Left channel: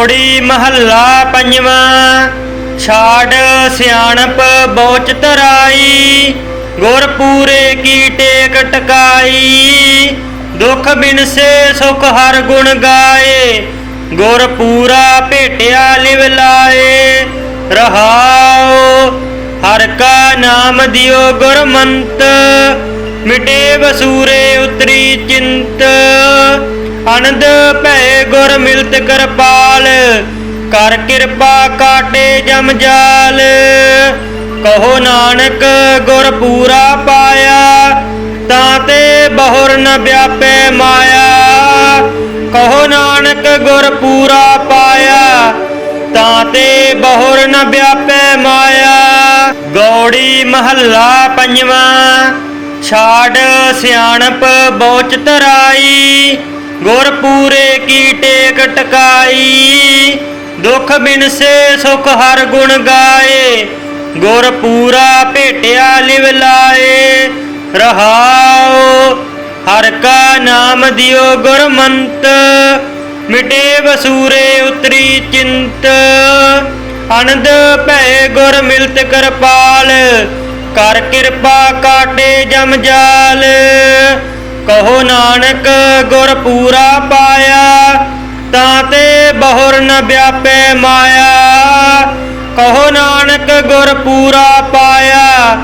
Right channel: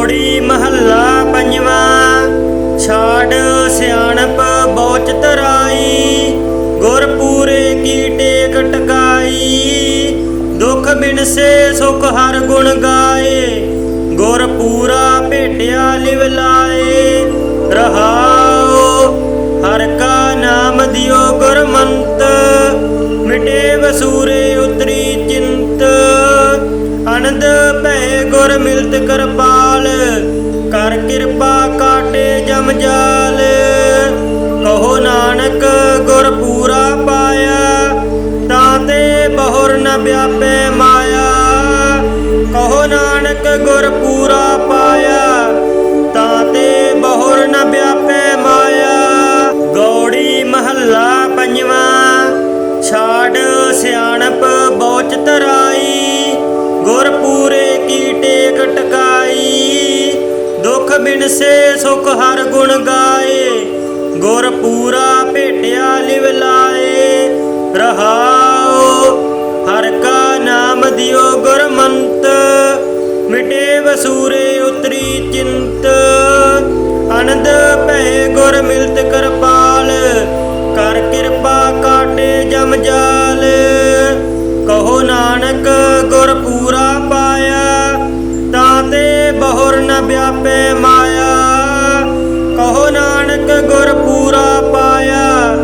ਗੌੜੀ ਮਹੱਲਾ ਪੰਜਵਾਂ, ਛਾੜ ਸਿਆਣਪ ਬੋਚ ਤਰਾਈ ਗੁਰ ਪੂਰੇ ਕੀ ਟੇਕ ਟਕਾਈ ਦੁਖ ਬਿਨਸੇ ਸੁਖ ਹਰ ਗੁਣ ਗਾਏ ਗੁਰ ਪੂਰਾ ਭੇਟਿਆ ਲਿਵ ਲਾਏ, ਰਹਾਉ ਹਰ ਕਾ ਨਾਮ ਦਿਓ ਗੁਰਮੰਤ, ਮਿਟੇ ਵਸੂਰੇ ਕਿਰਪਾ ਕਾਟੇ ਜਮ ਜਾਲ। ਕਹੋ ਨਾਨਕ, ਗੁਰ ਪੂਰਾ ਪਾਇਆ, ਤਾਂ ਤੇ ਬਹੁਰ ਨ ਵਿਆਪੈ ਮਾਇਆ। ਕਹੋ ਨਾਨਕ, ਗੁਰ ਪੂਰਾ ਪਾਇਆ, ਤਾਂ ਤੇ ਬਹੁਰ ਨ ਵਿਆਪੈ ਮਾਇਆ। ਗੌੜੀ ਮਹੱਲਾ ਪੰਜਵਾਂ, ਛਾੜ ਸਿਆਣਪ ਬੋਚ ਤਰਾਈ ਦੁਖ ਬਿਨਸੇ ਸੁਖ ਹਰ ਗੁਣ ਗਾਏ। ਗੁਰ ਪੂਰਾ ਭੇਟਿਆ ਲਿਵ ਲਾਏ। ਰਹਾਉ, ਹਰ ਕਾ ਨਾਮ ਦਿਓ ਗੁਰਮੰਤ। ਮਿਟੇ ਵਸੂਰੇ ਉਤਰੀ ਚਿੰਤ। ਅਨੰਦ ਭੈ ਗੁਰ ਮਿਲਤ ਕਰਪਾਲ। ਕਰ ਕਿਰਪਾ ਕਾਟੇ ਜਮ ਜਾਲ। ਕਹੋ ਨਾਨਕ, ਗੁਰ ਪੂਰਾ ਵਿਆਪੈ ਮਾਇਆ। ਕਹੋ ਨਾਨਕ ਗੁਰ ਪੂਰਾ ਪਾਇਆ,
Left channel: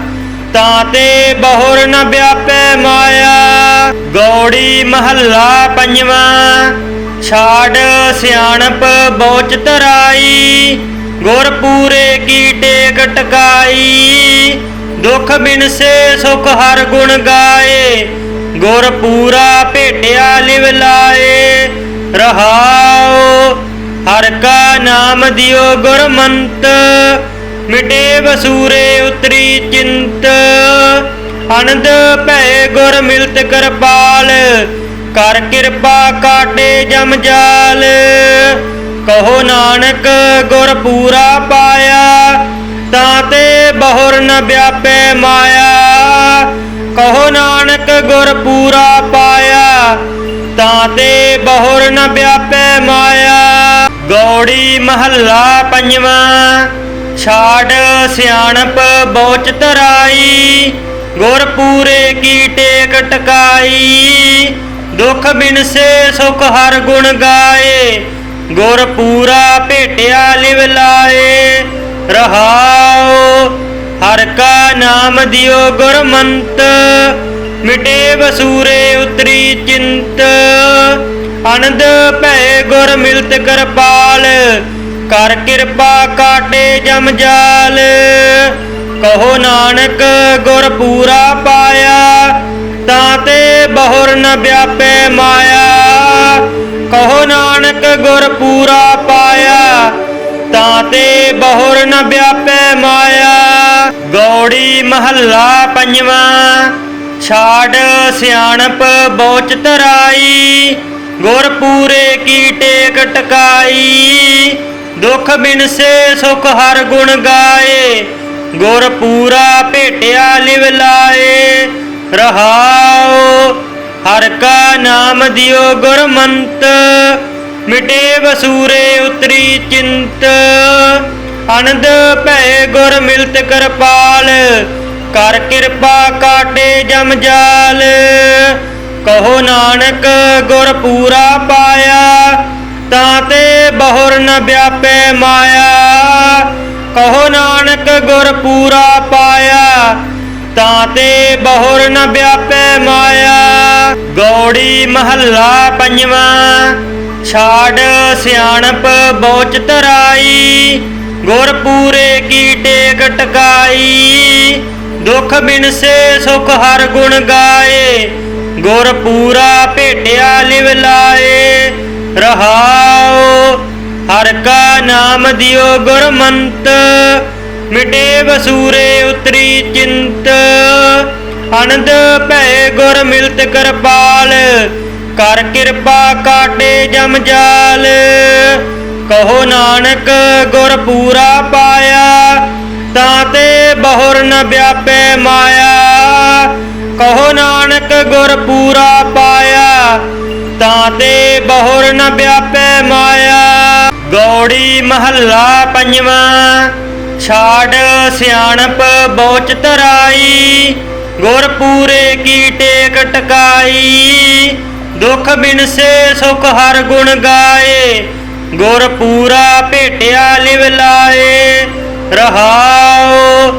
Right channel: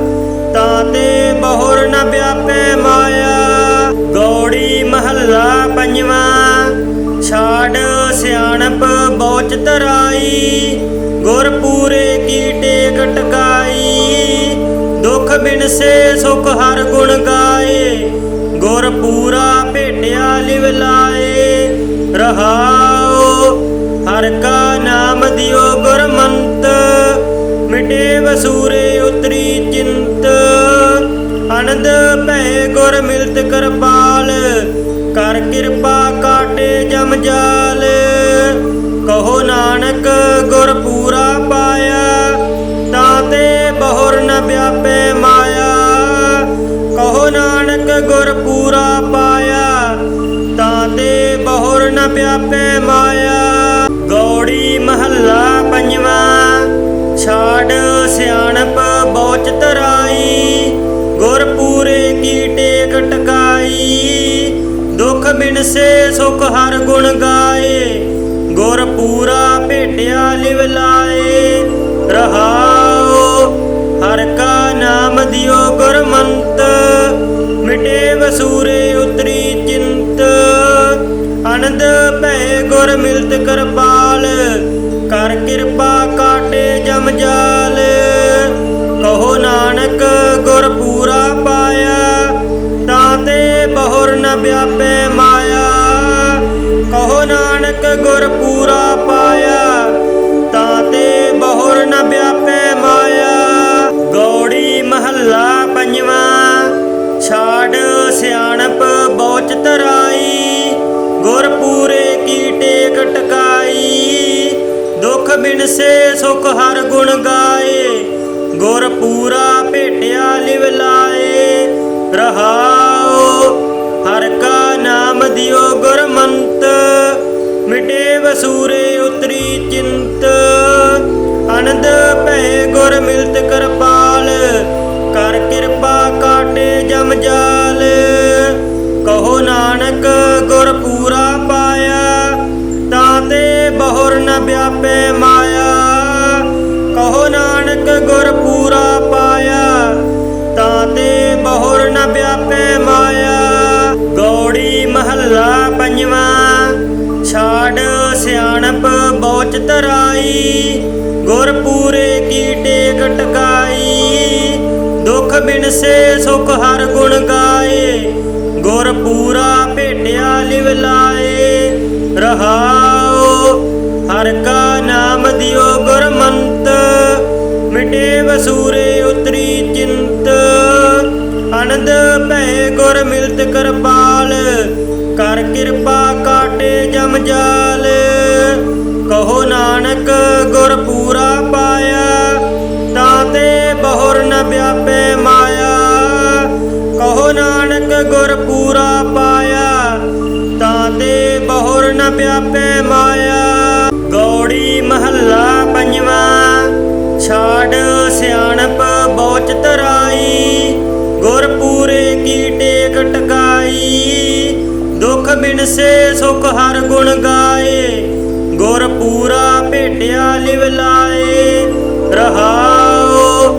ਤਾਂ ਤੇ ਬਹੁਰ ਨ ਵਿਆਪੈ ਮਾਇਆ। ਗੌੜੀ ਮਹੱਲਾ ਪੰਜਵਾਂ, ਛਾੜ ਸਿਆਣਪ ਬੋਚ ਤਰਾਈ ਗੁਰ ਪੂਰੇ ਕੀ ਟੇਕ ਟਕਾਈ ਦੁਖ ਬਿਨਸੇ ਸੁਖ ਹਰ ਗੁਣ ਗਾਏ। ਗੁਰ ਪੂਰਾ ਭੇਟਿਆ ਲਿਵ ਲਾਏ। ਰਹਾਉ ਨਾਮ ਗੁਰਮੰਤ, ਮਿਟੇ ਵਸੂਰੇ ਉਤਰੀ ਚਿੰਤ। ਅਨੰਦ ਭੈ ਗੁਰ ਮਿਲਤ ਕਰਪਾਲ, ਕਰ ਕਿਰਪਾ ਕਾਟੇ ਜਮ ਜਾਲ। ਕਹੋ ਨਾਨਕ, ਗੁਰ ਪੂਰਾ ਪਾਇਆ, ਤਾਂ ਤੇ ਬਹੁਰ ਨ ਵਿਆਪੈ ਮਾਇਆ। ਮਹੱਲਾ ਪੰਜਵਾਂ, ਛਾੜ ਸਿਆਣਪ ਬੋਚ ਤਰਾਈ ਗੁਰ ਪੂਰੇ ਕੀ ਟੇਕ ਟਕਾਈ, ਦੁਖ ਬਿਨਸੇ ਸੁਖ ਹਰ ਗੁਣ ਗਾਏ ਗੁਰ ਪੂਰਾ ਭੇਟਿਆ ਲਿਵ ਲਾਏ, ਰਹਾਉ ਹਰ ਕਾ ਨਾਮ ਦਿਓ ਗੁਰਮੰਤ, ਮਿਟੇ ਵਸੂਰੇ ਜਾਲ, ਕਹੋ ਨਾਨਕ ਗੁਰ ਪੂਰਾ ਪਾਇਆ, ਤਾਂ ਤੇ ਬਹੁਰ ਨ ਵਿਆਪੈ ਮਾਇਆ। ਕਹੋ ਨਾਨਕ ਗੁਰ ਪੂਰਾ ਪਾਇਆ, ਤਾਂ ਤੇ ਬਹੁਰ ਨ ਵਿਆਪੈ ਮਾਇਆ। ਗੌੜੀ ਮਹੱਲਾ ਪੰਜਵਾਂ, ਛਾੜ ਸਿਆਣਪ ਸੁਖ ਹਰ ਗੁਣ ਗਾਏ, ਗੁਰ ਪੂਰਾ ਭੇਟਿਆ ਲਿਵ ਲਾਏ। ਰਹਾਉ, ਹਰ ਕਾ ਨਾਮ ਦਿਓ ਗੁਰਮੰਤ ਮਿਟੇ ਵਸੂਰੇ ਉਤਰੀ ਚਿੰਤ। ਅਨੰਦ ਭੈ ਗੁਰ ਮਿਲਤ ਕਰਪਾਲ, ਕਰ ਕਿਰਪਾ ਕਾਟੇ ਜਮ ਜਾਲ। ਕਹੋ ਨਾਨਕ ਗੁਰ ਪੂਰਾ ਪਾਇਆ, ਤਾਂ ਤੇ ਬਹੁਰ ਨ ਵਿਆਪੈ ਮਾਇਆ। ਗੌੜੀ ਮਹੱਲਾ ਪੰਜਵਾਂ। ਛਾੜ ਸਿਆਣਪ ਬੋਚ ਤਰਾਈ ਗੁਰ ਪੂਰੇ ਕੀ ਟੇਕ ਟਕਾਈ ਦੁਖ ਬਿਨਸੇ ਸੁਖ ਹਰ ਗੁਣ ਗਾਏ ਗੁਰ ਪੂਰਾ ਭੇਟਿਆ ਲਿਵ ਲਾਏ। ਰਹਾਉ ਹਰ ਕਾ ਨਾਮ ਦਿਓ ਗੁਰਮੰਤ, ਮਿਟੇ ਵਸੂਰੇ ਅਨੰਦ ਭੈ ਗੁਰ ਮਿਲਤ ਕਰਪਾਲ, ਕਰ ਕਿਰਪਾ ਕਾਟੇ ਜਮ ਜਾਲ। ਕਹੋ ਨਾਨਕ ਗੁਰ ਪੂਰਾ ਪਾਇਆ, ਤਾਂ ਤੇ ਬਹੁਰ ਨ ਵਿਆਪੈ ਮਾਇਆ। ਕਹੋ ਨਾਨਕ ਗੁਰ ਪੂਰਾ ਪਾਇਆ, ਤਾਂ ਤੇ ਬਹੁਰ ਨ ਵਿਆਪੈ ਮਾਇਆ। ਗੌ ਗੌੜੀ ਮਹੱਲਾ ਪੰਜਵਾਂ, ਛਾੜ ਸਿਆਣਪ ਬੋਚ ਤਰਾਈ। ਹਰ ਗੁਣ ਗਾਏ, ਗੁਰ ਪੂਰਾ ਭੇਟਿਆ ਲਿਵ ਲਾਏ। ਰਹਾਉ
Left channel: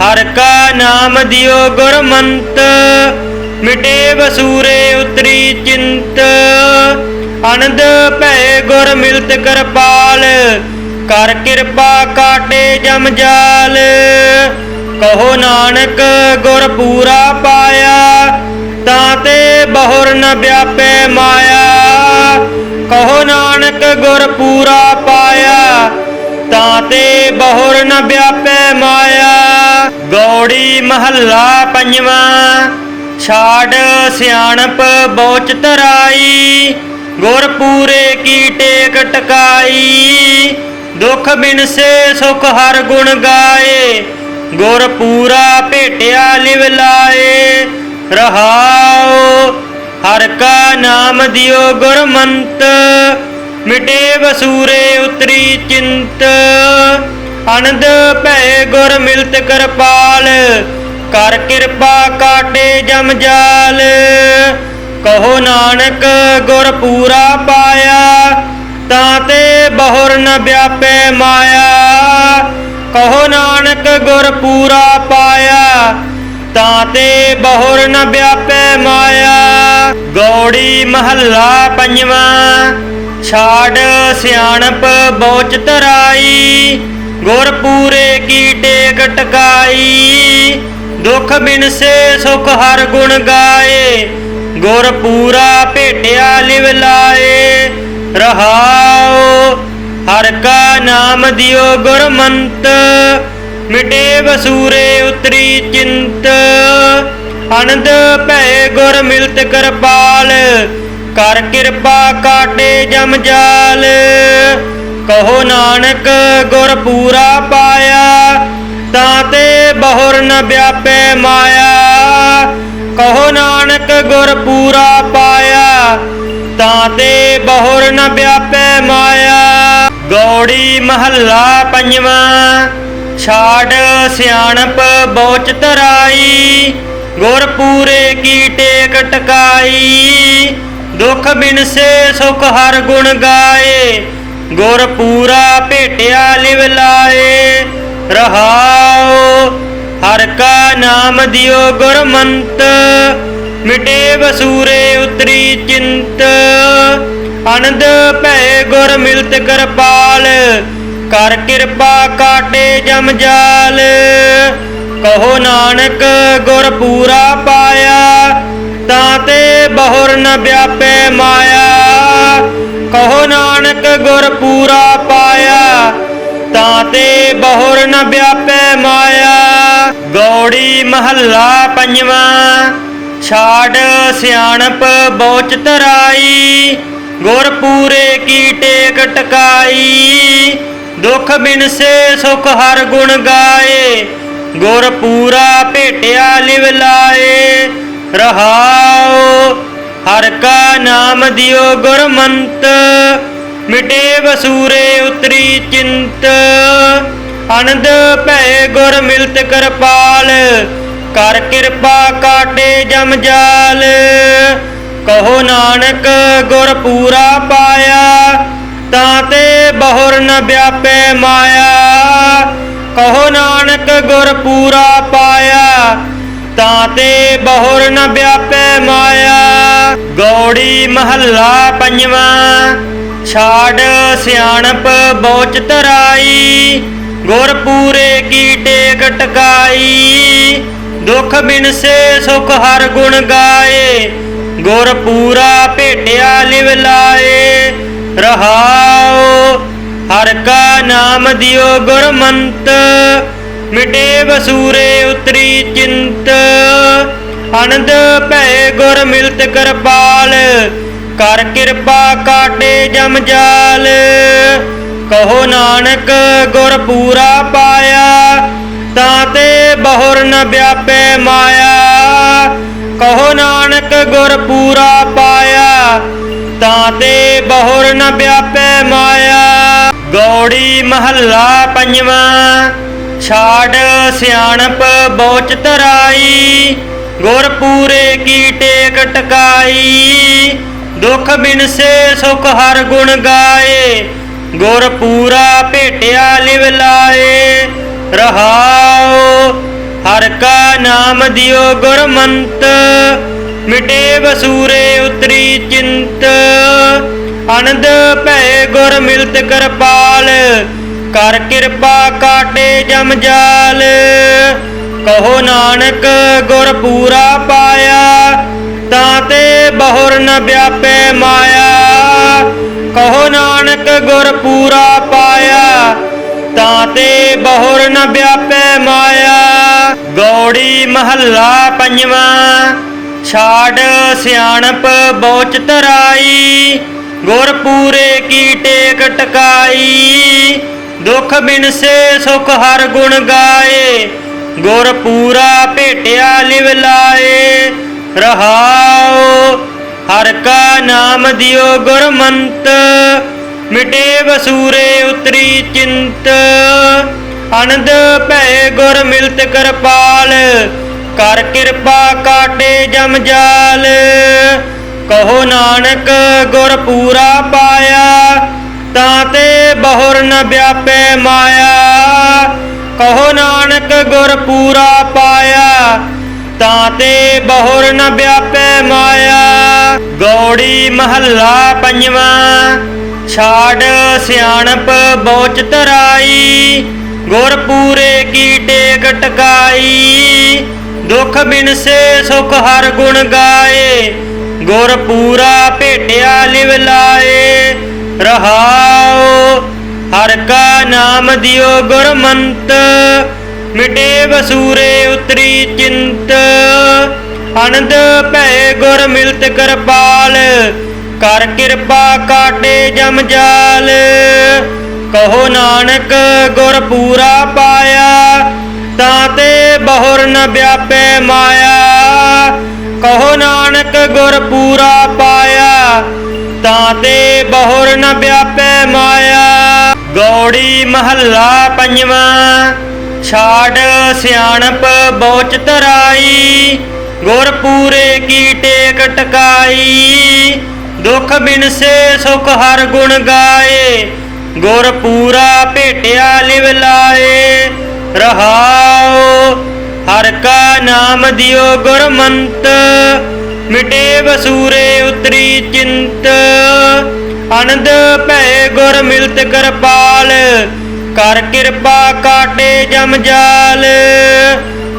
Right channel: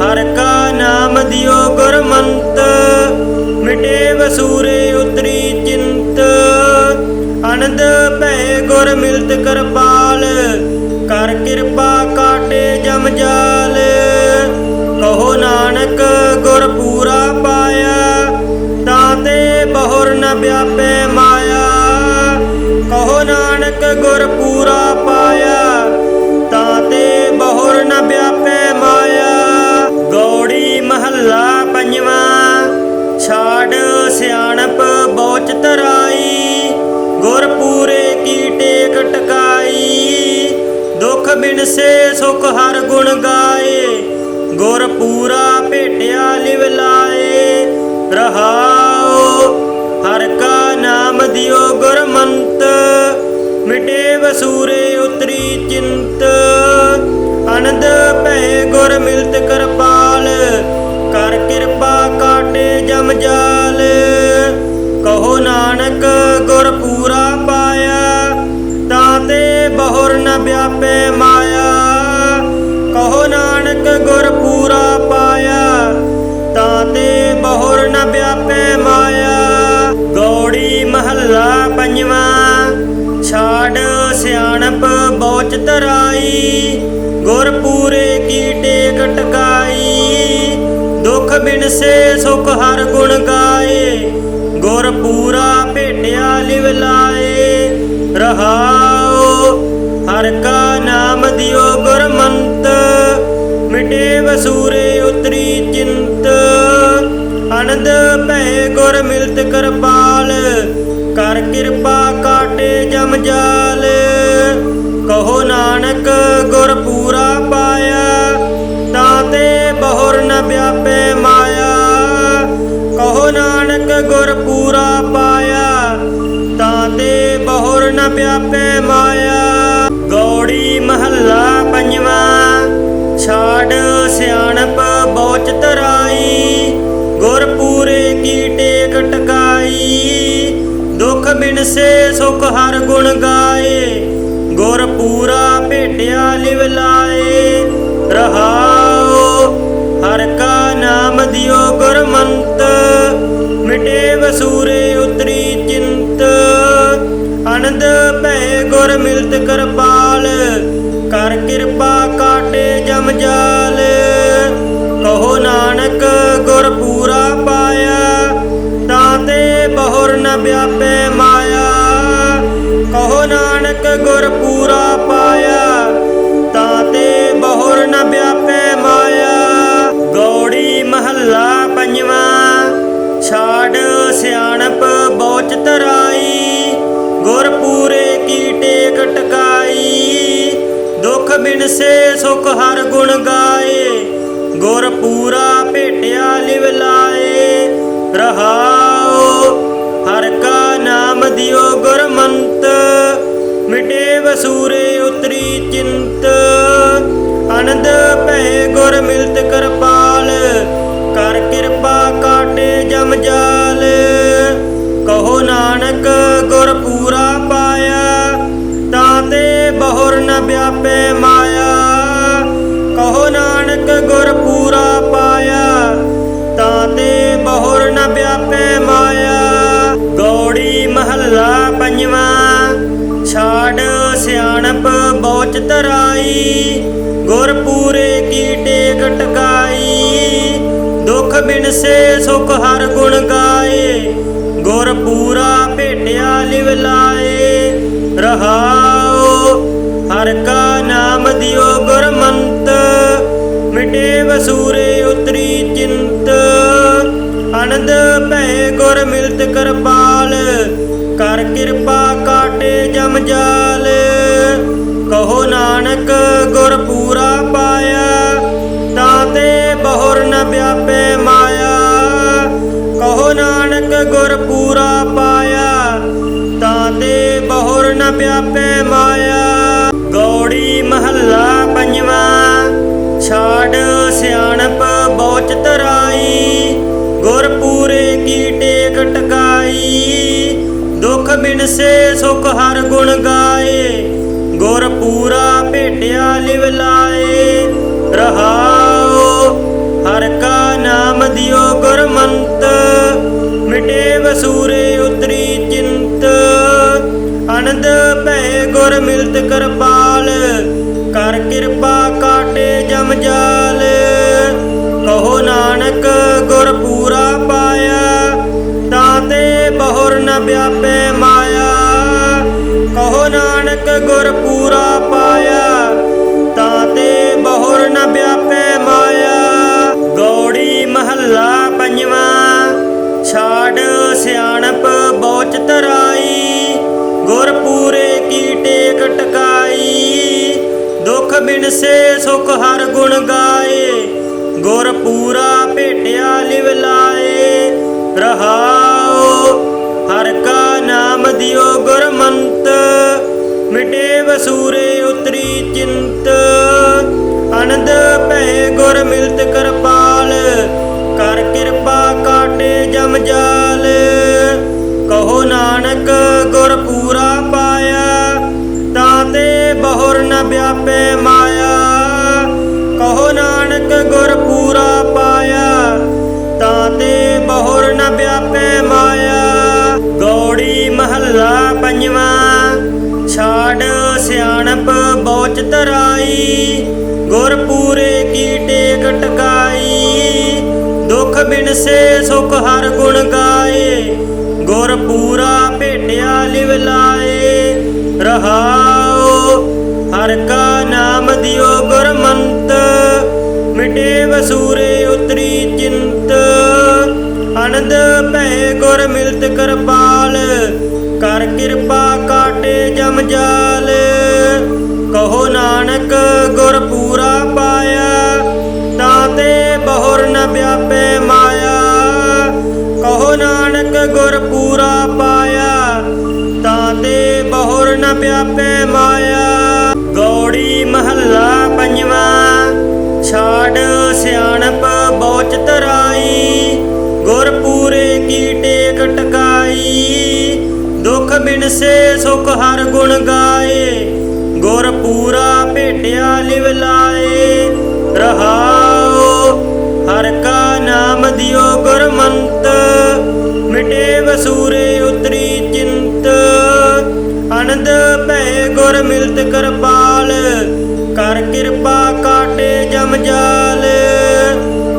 ਹਰ ਕਾ ਨਾਮ ਦਿਓ ਗੁਰਮੰਤ, ਮਿਟੇ ਵਸੂਰੇ ਉਤਰੀ ਚਿੰਤ। ਅਨੰਦ ਭੈ ਗੁਰ ਮਿਲਤ ਕਿਰਪਾਲ, ਕਰ ਕਿਰਪਾ ਕਾਟੇ ਜਮ ਜਾਲ। ਕਹੋ ਨਾਨਕ ਗੁਰ ਪੂਰਾ ਪਾਇਆ, ਤਾਂ ਤੇ ਬਹੁਰ ਨ ਵਿਆਪੈ ਮਾਇਆ। ਗੁਰ ਪਾਇਆ, ਤਾਂ ਤੇ ਬਹੁਰ ਨ ਵਿਆਪੈ ਮਾਇਆ। ਗੌੜੀ ਮਹੱਲਾ ਪੰਜਵਾਂ, ਛਾੜ ਸਿਆਣਪ ਬੋਚ ਤਰਾਈ ਗੁਰ ਪੂਰੇ ਕੀ ਟੇਕ ਟਕਾਈ ਦੁਖ ਬਿਨਸੇ ਸੁਖ ਹਰ ਗੁਣ ਗਾਏ। ਗੁਰ ਪੂਰਾ ਭੇਟਿਆ ਲਿਵ ਲਾਏ। ਰਹਾਉ ਹਰ ਕਾ ਨਾਮ ਦਿਓ ਗੁਰਮੰਤ। ਮਿਟੇ ਵਸੂਰੇ ਉਤਰੀ ਚਿੰਤ। ਅਨੰਦ ਭੈ ਗੁਰ ਮਿਲਤ ਕਰਪਾਲ। ਕਰ ਕਿਰਪਾ ਕਾਟੇ ਜਮ ਜਾਲ। ਕਹੋ ਨਾਨਕ ਗੁਰ ਪੂਰਾ ਪਾਇਆ, ਤਾਂ ਤੇ ਬਹੁਰ ਨ ਵਿਆਪੈ ਮਾਇਆ। ਕਹੋ ਨਾਨਕ ਗੁਰ ਪੂਰਾ ਪਾਇਆ, ਤਾਂ ਤੇ ਬਹੁਰ ਨ ਵਿਆਪੈ ਮਾਇਆ। ਗੌੜੀ ਮਹੱਲਾ ਪੰਜਵਾਂ। ਛਾੜ ਸਿਆਣਪ ਬੋਚ ਤਰਾਈ, ਗੁਰ ਪੂਰੇ ਕੀ ਟੇਕ ਟਕਾਈ। ਦੁਖ ਬਿਨਸੇ ਸੁਖ ਹਰ ਗੁਣ ਗਾਏ, ਗੁਰ ਪੂਰਾ ਭੇਟਿਆ ਲਿਵ ਲਾਏ। ਰਹਾਉ ਹਰ ਕਾ ਨਾਮ ਦਿਓ ਗੁਰਮੰਤ ਮਿਟੇ ਵਸੂਰੇ ਉਤਰੀ ਚਿੰਤ। ਅਨੰਦ ਭੈ ਗੁਰ ਮਿਲਤ ਕਿਰਪਾਲ ਕਰ ਕਿਰਪਾ ਕਾਟੇ ਜਮ ਜਾਲ। ਕਹੋ ਨਾਨਕ, ਗੁਰ ਪੂਰਾ ਪਾਇਆ, ਤਾਂ ਤੇ ਬਹੁਰ ਨ ਵਿਆਪੈ ਮਾਇਆ। ਕਹੋ ਨਾਨਕ, ਗੁਰ ਪੂਰਾ ਪਾਇਆ, ਤਾਂ ਤੇ ਬਹੁਰ ਨ ਵਿਆਪੈ ਮਾਇਆ। ਗੌੜੀ ਮਹੱਲਾ ਪੰਜਵਾਂ ਹਰ ਗੁਣ ਗਾਏ, ਗੁਰ ਪੂਰਾ ਭੇਟਿਆ ਲਿਵ ਲਾਏ। ਰਹਾਉ ਹਰ ਕਾ ਨਾਮ ਦਿਓ ਗੁਰਮੰਤ, ਮਿਟੇ ਵਸੂਰੇ ਉਤਰੀ ਚਿੰਤ। ਅਨੰਦ ਭੈ ਗੁਰ ਮਿਲਤ ਕਿਰਪਾਲ, ਕਰ ਕਿਰਪਾ ਕਾਟੇ ਜਮ ਜਾਲ। ਕਹੋ ਨਾਨਕ, ਗੁਰ ਪੂਰਾ ਪਾਇਆ, ਤਾਂ ਤੇ ਬਹੁਰ ਨ ਵਿਆਪੈ ਮਾਇਆ। ਗੁਰ ਪੂਰਾ ਪਾਇਆ, ਤਾਂ ਤੇ ਬਹੁਰ ਨ ਵਿਆਪੈ ਮਾਇਆ। ਗੌੜੀ ਮਹੱਲਾ ਪੰਜਵਾਂ, ਛਾੜ ਸਿਆਣਪ ਬੋਚ ਤਰਾਈ ਗੁਰ ਪੂਰੇ ਕੀ ਟੇਕ ਟਕਾਈ ਦੁਖ ਬਿਨਸੇ ਸੁਖ ਹਰ ਗੁਣ ਗਾਏ। ਗੁਰ ਪੂਰਾ ਭੇਟਿਆ ਲਿਵ ਲਾਏ। ਰਹਾਉ, ਹਰ ਕਾ ਨਾਮ ਦਿਓ ਗੁਰਮੰਤ। ਮਿਟੇ ਵਸੂਰੇ ਉਤਰੀ ਚਿੰਤ। ਅਨੰਦ ਭੈ ਗੁਰ ਮਿਲਤ ਕਿਰਪਾਲ, ਕਰ ਕਿਰਪਾ ਕਾਟੇ ਜਮ ਜਾਲ। ਕਹੋ ਨਾਨਕ ਗੁਰ ਪੂਰਾ ਪਾਇਆ, ਤਾਂ ਤੇ ਬਹੁਰ ਨ ਵਿਆਪੈ ਮਾਇਆ। ਕਹੋ ਨਾਨਕ ਗੁਰ ਪੂਰਾ ਪਾਇਆ, ਤਾਂ ਤੇ ਬਹੁਰ ਨ ਵਿਆਪੈ ਮਾਇਆ। ਗੌੜੀ ਮਹੱਲਾ ਪੰਜਵਾਂ। ਛਾੜ ਸਿਆਣਪ ਬੋਚ ਤਰਾਈ ਗੁਰ ਪੂਰੇ ਕੀ ਟੇਕ ਟਕਾਈ। ਦੁਖ ਬਿਨਸੇ ਸੁਖ ਹਰ ਗੁਣ ਗਾਏ ਗੁਰ ਪੂਰਾ ਭੇਟਿਆ ਲਿਵ ਲਾਏ। ਰਹਾਉ ਹਰ ਕਾ ਨਾਮ ਦਿਓ ਗੁਰਮੰਤ, ਮਿਟੇ ਵਸੂਰੇ ਉਤਰੀ ਚਿੰਤ। ਅਨੰਦ ਭੈ ਗੁਰ ਮਿਲਤ ਕਿਰਪਾਲ, ਕਰ ਕਿਰਪਾ ਕਾਟੇ ਜਾਲ। ਕਹੋ ਨਾਨਕ, ਗੁਰ ਪੂਰਾ ਪਾਇਆ, ਤਾਂ ਤੇ ਬਹੁਰ ਨ ਵਿਆਪੈ ਮਾਇਆ। ਕਹੋ ਨਾਨਕ, ਗੁਰ ਪੂਰਾ ਪਾਇਆ, ਤਾਂ ਤੇ ਬਹੁਰ ਨ ਵਿਆਪੈ ਮਾਇਆ। ਮਹੱਲਾ ਪੰਜਵਾਂ, ਛਾੜ ਸਿਆਣਪ ਬੋਚ ਧਰਾਈ। ਗੁਰ ਪੂਰੇ ਕੀ ਬਿਨਸੇ ਹਰ ਗੁਣ ਗਾਏ, ਗੁਰ ਪੂਰਾ ਭੇਟਿਆ ਲਿਵ ਲਾਏ। ਰਹਾਉ ਹਰ ਕਾ ਨਾਮ ਦਿਓ ਗੁਰਮੰਤ ਬੋਚ ਧਰਾਈ ਗੁਰ ਪੂਰੇ ਕੀ ਟੇਕ ਟਕਾਈ ਦੁਖ ਬਿਨਸੇ ਸੁਖ ਹਰ ਗੁਣ ਗਾਏ, ਗੁਰ ਪੂਰਾ ਭੇਟਿਆ ਲਿਵ ਲਾਏ। ਰਹਾਉ, ਹਰ ਕਾ ਨਾਮ ਦਿਓ ਗੁਰਮੰਤ, ਮਿਟੇ ਵਸੂਰੇ ਉਤਰੀ ਚਿੰਤ। ਅਨੰਦ ਭੈ ਗੁਰ ਮਿਲਤ ਕਰਪਾਲ, ਕਰ ਕਿਰਪਾ ਕਾਟੇ ਜਮ ਜਾ ਨਾਨਕ ਗੁਰ ਪੂਰਾ ਪਾਇਆ, ਤਾਂ ਤੇ ਬਹੁਰ ਨ ਵਿਆਪੈ ਮਾਇਆ। ਕਹੋ ਨਾਨਕ ਗੁਰ ਪੂਰਾ ਪਾਇਆ, ਤਾਂ ਤੇ ਬਹੁਰ ਨ ਵਿਆਪੈ ਮਾਇਆ। ਗੌੜੀ ਮਹੱਲਾ ਪੰਜਵਾਂ, ਛਾੜ ਸਿਆਣਪ ਬੋਚ ਧਰਾਈ। ਗੁਰ ਪੂਰੇ ਕੀ ਟੇਕ ਟਕਾਈ ਦੁਖ ਬਿਨਸੇ ਸੁਖ ਹਰ ਗੁਣ ਗਾਏ। ਗੁਰ ਪੂਰਾ ਭੇਟਿਆ ਲਿਵ ਲਾਏ। ਰਹਾਉ, ਹਰ ਕਾ ਨਾਮ ਦਿਓ ਗੁਰਮੰਤ। ਮਿਟੇ ਵਸੂਰੇ ਉਤਰੀ ਚਿੰਤ। ਅਨੰਦ ਭੈ ਗੁਰ ਮਿਲਤ ਕਰਪਾਲ। ਕਰ ਕਿਰਪਾ ਕਾਟੇ ਜਮ ਜਾਲ। ਕਹੋ ਨਾਨਕ, ਗੁਰ ਪੂਰਾ ਪਾਇਆ। ਤਾਂ ਤੇ ਬਹੁਰ ਨ ਵਿਆਪੈ ਮਾਇਆ। ਗੁਰ ਪਾਇਆ, ਤਾਂ ਤੇ ਬਹੁਰ ਨ ਵਿਆਪੈ ਮਾਇਆ। ਗੌੜੀ ਮਹੱਲਾ ਪੰਜਵਾਂ, ਛਾੜ ਸਿਆਣਪ ਬੋਚ ਧਰਾਈ। ਗੁਰ ਪੂਰੇ ਕੀ ਟੇਕ ਟਕਾਈ, ਦੁਖ ਬਿਨਸੇ ਸੁਖ ਹਰ ਗੁਣ ਗਾਏ। ਗੁਰ ਪੂਰਾ ਭੇਟਿਆ ਲਿਵ ਲਾਏ। ਰਹਾਉ ਹਰ ਕਾ ਨਾਮ ਦਿਓ ਗੁਰਮੰਤ। ਮਿਟੇ ਵਸੂਰੇ ਉਤਰੀ ਚਿੰਤ। ਅਨੰਦ ਭੈ ਗੁਰ ਮਿਲਤ ਕਰਪਾਲ, ਕਰ ਕਿਰਪਾ ਕਾਟੇ ਜਮ ਜਾਲ।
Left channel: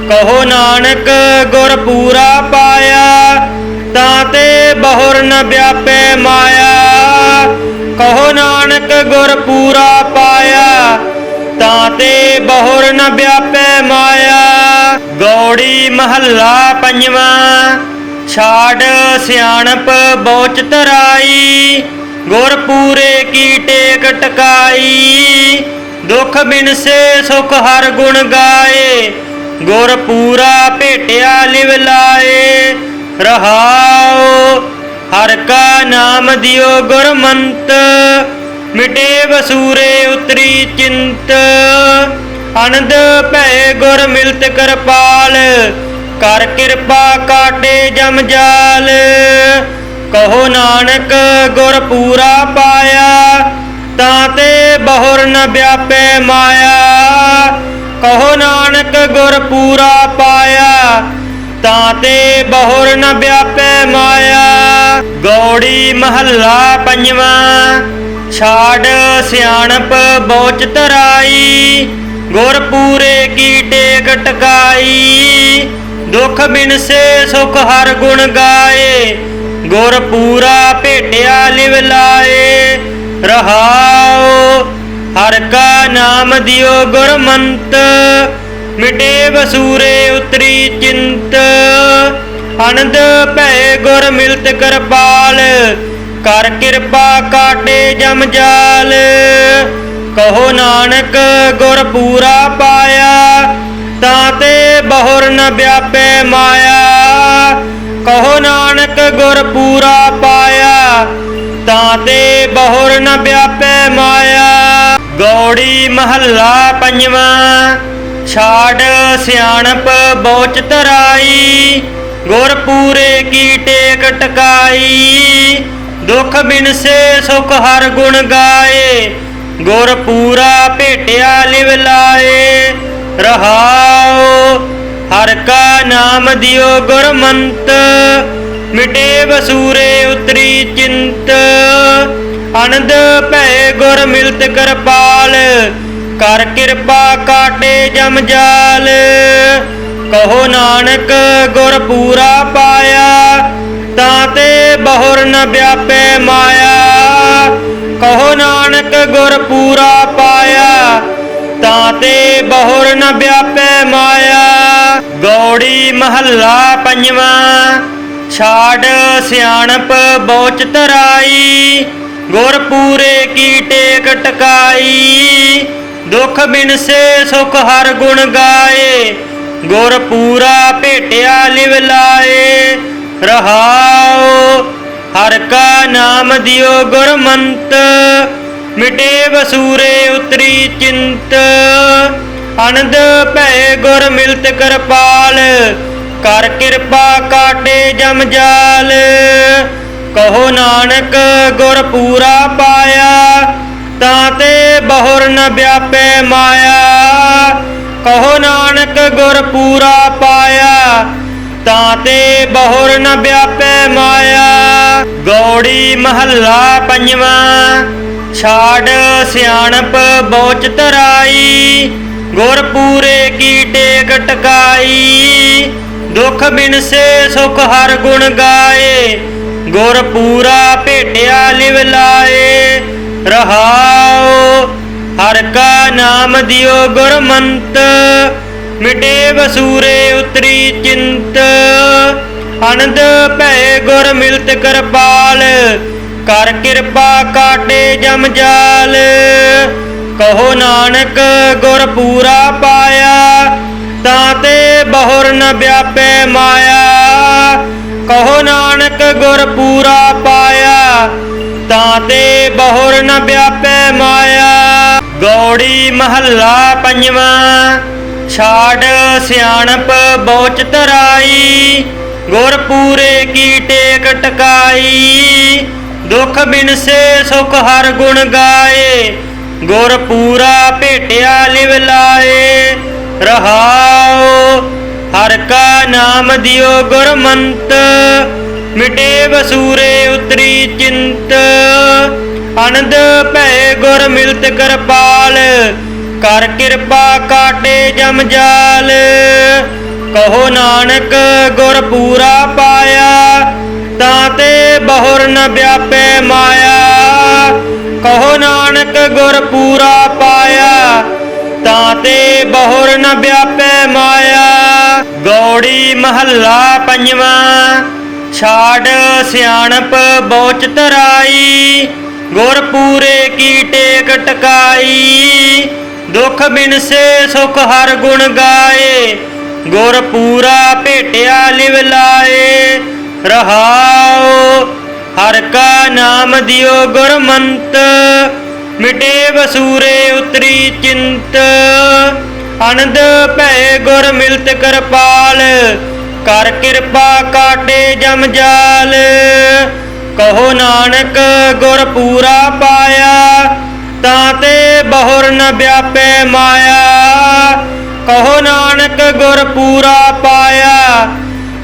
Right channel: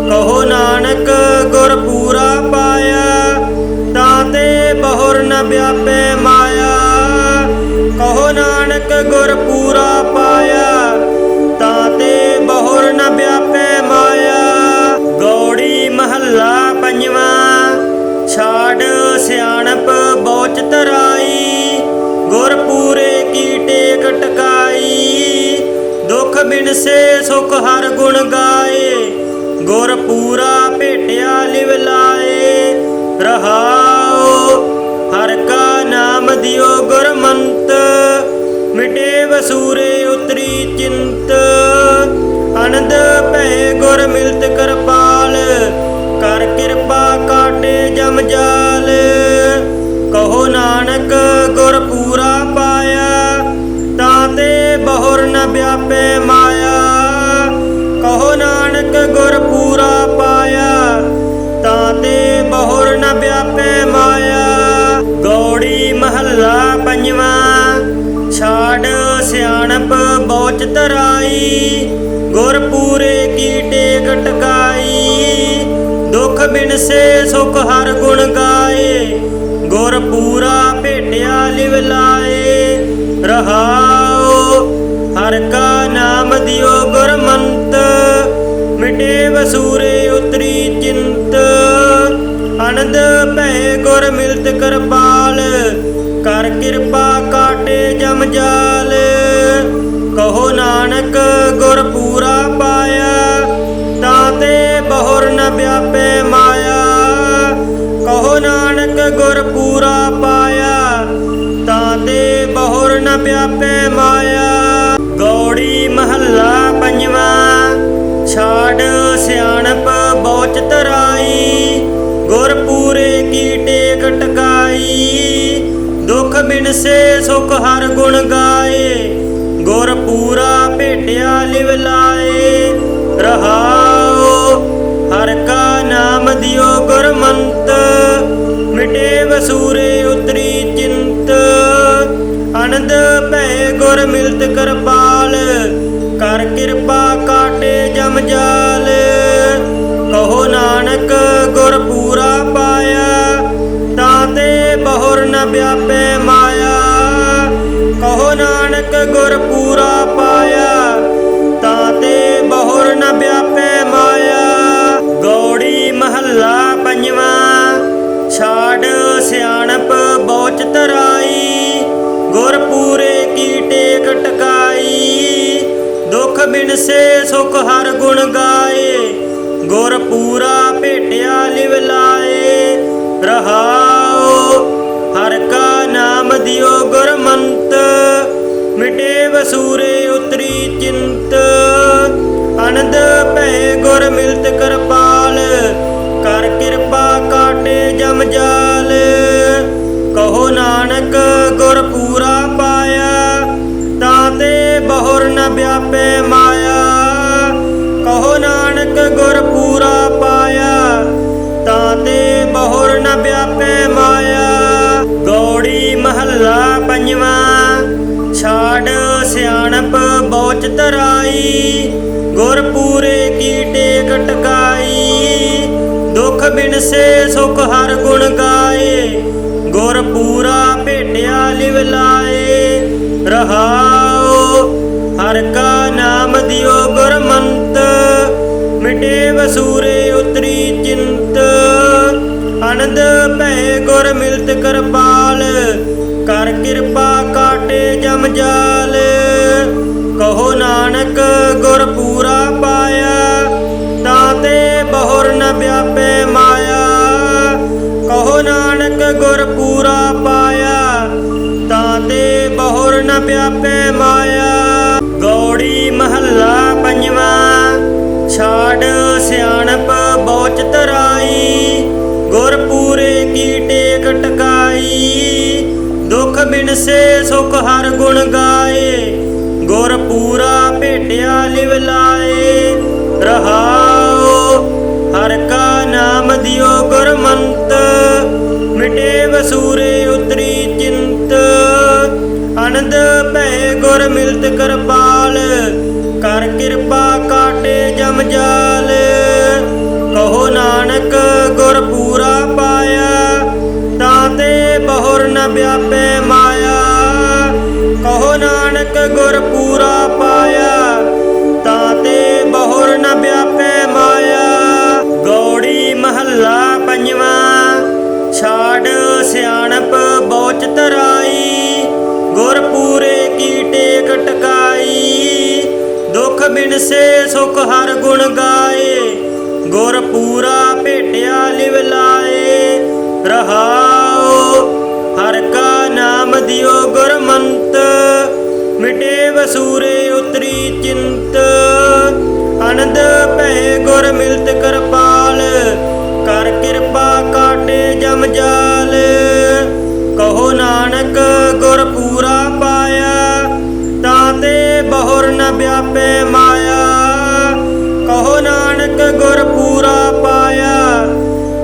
ਕਹੋ ਨਾਨਕ ਗੁਰ ਪੂਰਾ ਪਾਇਆ, ਤਾਂ ਤੇ ਬਹੁਰ ਨ ਵਿਆਪੈ ਮਾਇਆ। ਸਿਆਣਪ ਬੋਚ ਧਰਾਈ ਗੁਰ ਪੂਰੇ ਕੀ ਟੇਕ ਟਕਾਈ ਦੁਖ ਬਿਨਸੇ ਸੁਖ ਹਰ ਗੁਣ ਗਾਏ, ਗੁਰ ਪੂਰਾ ਭੇਟਿਆ ਲਿਵ ਲਾਏ। ਰਹਾਉ ਹਰ ਕਾ ਨਾਮ ਦਿਓ ਗੁਰਮੰਤ ਮਿਟੇ ਵਸੂਰੇ ਉਤਰੀ ਚਿੰਤ। ਅਨੰਦ ਭੈ ਗੁਰ ਮਿਲਤ ਕਰਪਾਲ, ਕਰ ਕਿਰਪਾ ਕਾਟੇ ਜਮ ਜਾਲ। ਨਾਨਕ ਗੁਰ ਪੂਰਾ ਪਾਇਆ, ਤਾਂ ਤੇ ਬਹੁਰ ਨ ਵਿਆਪੈ ਮਾਇਆ। ਕਹੋ ਨਾਨਕ ਗੁਰ ਪੂਰਾ ਪਾਇਆ, ਤਾਂ ਤੇ ਬਹੁਰ ਨ ਵਿਆਪੈ ਮਾਇਆ। ਗੌੜੀ ਮਹੱਲਾ ਪੰਜਵਾਂ, ਛਾੜ ਸਿਆਣ ਪੂਰਾ ਭੇਟਿਆ ਲਿਵ ਲਾਏ। ਰਹਾਉ ਹਰ ਕਾ ਨਾਮ ਦਿਓ ਗੁਰਮੰਤ। ਮਿਟੇ ਵਸੂਰੇ ਉਤਰੀ ਚਿੰਤ। ਅਨੰਦ ਭੈ ਗੁਰ ਮਿਲਤ ਕਰਪਾਲ। ਕਰ ਕਿਰਪਾ ਕਾਟੇ ਜਮ ਜਾਲ। ਕਹੋ ਨਾਨਕ, ਗੁਰ ਪੂਰਾ ਪਾਇਆ। ਤਾਂ ਤੇ ਬਹੁਰ ਨ ਵਿਆਪੈ ਮਾਇਆ। ਪੂਰਾ ਪਾਇਆ, ਤਾਂ ਤੇ ਬਹੁਰ ਨ ਵਿਆਪੈ ਮਾਇਆ। ਗੌੜੀ ਮਹੱਲਾ ਪੰਜਵਾਂ, ਛਾੜ ਸਿਆਣਪ ਬੋਚ ਤਰਾਈ ਗੁਰ ਪੂਰੇ ਕੀ ਟੇਕ ਟਕਾਈ ਦੁਖ ਬਿਨਸੇ ਸੁਖ ਹਰ ਗੁਣ ਗਾਏ। ਗੁਰ ਪੂਰਾ ਭੇਟਿਆ ਲਿਵ ਲਾਏ। ਰਹਾਉ, ਹਰ ਕਾ ਨਾਮ ਦਿਓ ਗੁਰਮੰਤ ਮਿਟੇ ਬਸੂਰੇ ਉਤਰੀ ਚਿੰਤ। ਅਨੰਦ ਭੈ ਗੁਰ ਮਿਲਤ ਕਰਪਾਲ, ਕਰ ਕਿਰਪਾ ਕਾਟੇ ਜਮ ਜਾਲ। ਕਹੋ ਨਾਨਕ ਸਿਆਣਪ ਬੋਚ ਤਰਾਈ, ਗੁਰ ਪੂਰੇ ਕੀ ਟੇਕ ਟਕਾਈ ਦੁਖ ਬਿਨਸੇ ਸੁਖ ਹਰ ਗੁਣ ਗਾਏ, ਗੁਰ ਪੂਰਾ ਭੇਟਿਆ ਲਿਵ ਲਾਏ। ਰਹਾਉ ਹਰ ਕਾ ਨਾਮ ਦਿਓ ਗੁਰਮੰਤ ਮਿਟੇ ਵਸੂਰੇ ਉਤਰੀ ਚਿੰਤ। ਅਨੰਦ ਭੈ ਗੁਰ ਮਿਲਤ ਕਰਪਾਲ ਕਰ ਕਿਰਪਾ ਕਾਟੇ ਜਮ ਜਾਲ। ਕਹੋ ਨਾਨਕ, ਗੁਰ ਪੂਰਾ ਪਾਇਆ, ਤਾਂ ਤੇ ਬਹੁਰ ਨ ਵਿਆਪੈ ਮਾਇਆ। ਕਹੋ ਨਾਨਕ, ਗੁਰ ਪੂਰਾ ਪਾਇਆ, ਤਾਂ ਤੇ ਬਹੁਰ ਨ ਵਿਆਪੈ ਮਾਇਆ। ਗੌੜੀ ਮਹੱਲਾ ਪੰਜਵਾਂ, ਛਾੜ ਸਿਆਣਪ ਬੋਚ ਤਰਾਈ ਗੁਰ ਪੂਰੇ ਕੀਟੇ ਬਿਨਸੇ ਸੁਖ ਹਰ ਗੁਣ ਗਾਏ, ਗੁਰ ਪੂਰਾ ਭੇਟਿਆ ਲਿਵ ਲਾਏ। ਰਹਾਉ ਹਰ ਕਾ ਨਾਮ ਦਿਓ ਗੁਰਮੰਤ, ਮਿਟੇ ਬਸੂਰੇ ਉਤਰੀ ਚਿੰਤ। ਅਨੰਦ ਭੈ ਗੁਰ ਮਿਲਤ ਕਰਪਾਲ, ਕਰ ਕਿਰਪਾ ਕਾਟੇ ਜਮ ਜਾਲ। ਕਹੋ ਨਾਨਕ ਗੁਰ ਪੂਰਾ ਪਾਇਆ, ਤਾਂ ਤੇ ਬਹੁਰ ਨ ਵਿਆਪੈ ਮਾਇਆ, ਕਹੋ ਨਾਨਕ ਗੁਰ ਪੂਰਾ ਪਾਇਆ, ਤਾਂ ਤੇ ਬਹੁਰ ਨ ਵਿਆਪੈ ਮਾਇਆ। ਗੌੜੀ ਮਹੱਲਾ ਪੰਜਵਾਂ, ਛਾੜ ਸਿਆਣਪ ਬੋਚ ਤਰਾਈ ਗੁਰ ਪੂਰੇ ਕੀ ਟੇਕ ਟਕਾਈ ਦੁਖ ਬਿਨਸੇ ਸੁਖ ਹਰ ਗੁਣ ਗਾਏ, ਗੁਰ ਪੂਰਾ ਭੇਟਿਆ ਲਿਵ ਲਾਏ। ਰਹਾਉ ਨਾਮ ਦਿਓ ਸਿਆਣਪ ਬੋਚ ਤਰਾਈ ਗੁਰ ਪੂਰੇ ਕੀ ਟੇਕ ਟਕਾਈ ਦੁਖ ਬਿਨਸੇ ਸੁਖ ਹਰ ਗੁਣ ਗਾਏ, ਗੁਰ ਪੂਰਾ ਭੇਟਿਆ ਲਿਵ ਲਾਏ। ਰਹਾਉ, ਹਰ ਕਾ ਨਾਮ ਦਿਓ ਗੁਰਮੰਤ, ਮਿਟੇ ਵਸੂਰੇ ਉਤਰੀ ਚਿੰਤ। ਅਨੰਦ ਭੈ ਗੁਰ ਮਿਲਤ ਕਰਪਾਲ ਕਰ ਕਿਰਪਾ ਕਾਟੇ ਜਮ ਜਾਲ। ਕਹੋ ਨਾਨਕ, ਗੁਰ ਪੂਰਾ ਪਾਇਆ, ਤਾਂ ਤੇ ਬਹੁਰ ਨ ਵਿਆਪੈ ਮਾਇਆ। ਕਹੋ ਨਾਨਕ, ਗੁਰ ਪੂਰਾ ਪਾਇਆ,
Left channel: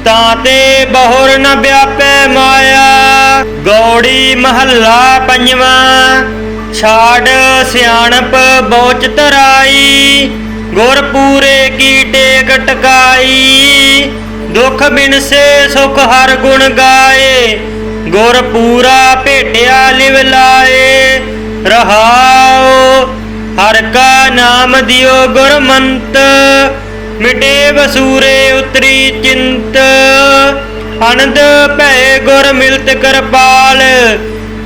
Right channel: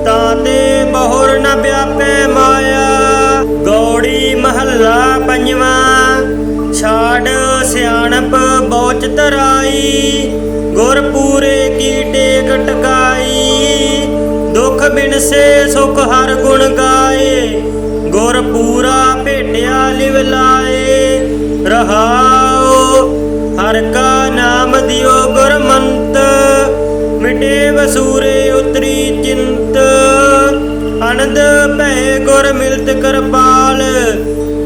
ਤਾਂ ਤੇ ਬਹੁਰ ਨ ਵਿਆਪੈ ਮਾਇਆ। ਗੌੜੀ ਮਹੱਲਾ ਪੰਜਵਾਂ, ਛਾੜ ਸਿਆਣਪ ਬੋਚ ਤਰਾਈ ਗੁਰ ਪੂਰੇ ਕੀਟੇ ਕਟਕਾ ਬਿਨਸੇ ਸੁਖ ਹਰ ਗੁਣ ਗਾਏ, ਗੁਰ ਪੂਰਾ ਭੇਟਿਆ ਲਿਵ ਲਾਏ। ਰਹਾਉ ਹਰ ਕਾ ਨਾਮ ਦਿਓ ਗੁਰਮੰਤ, ਮਿਟੇ ਵਸੂਰੇ ਉਤਰੀ ਚਿੰਤ। ਅਨੰਦ ਭੈ ਗੁਰ ਮਿਲਤ ਕਰਪਾਲ,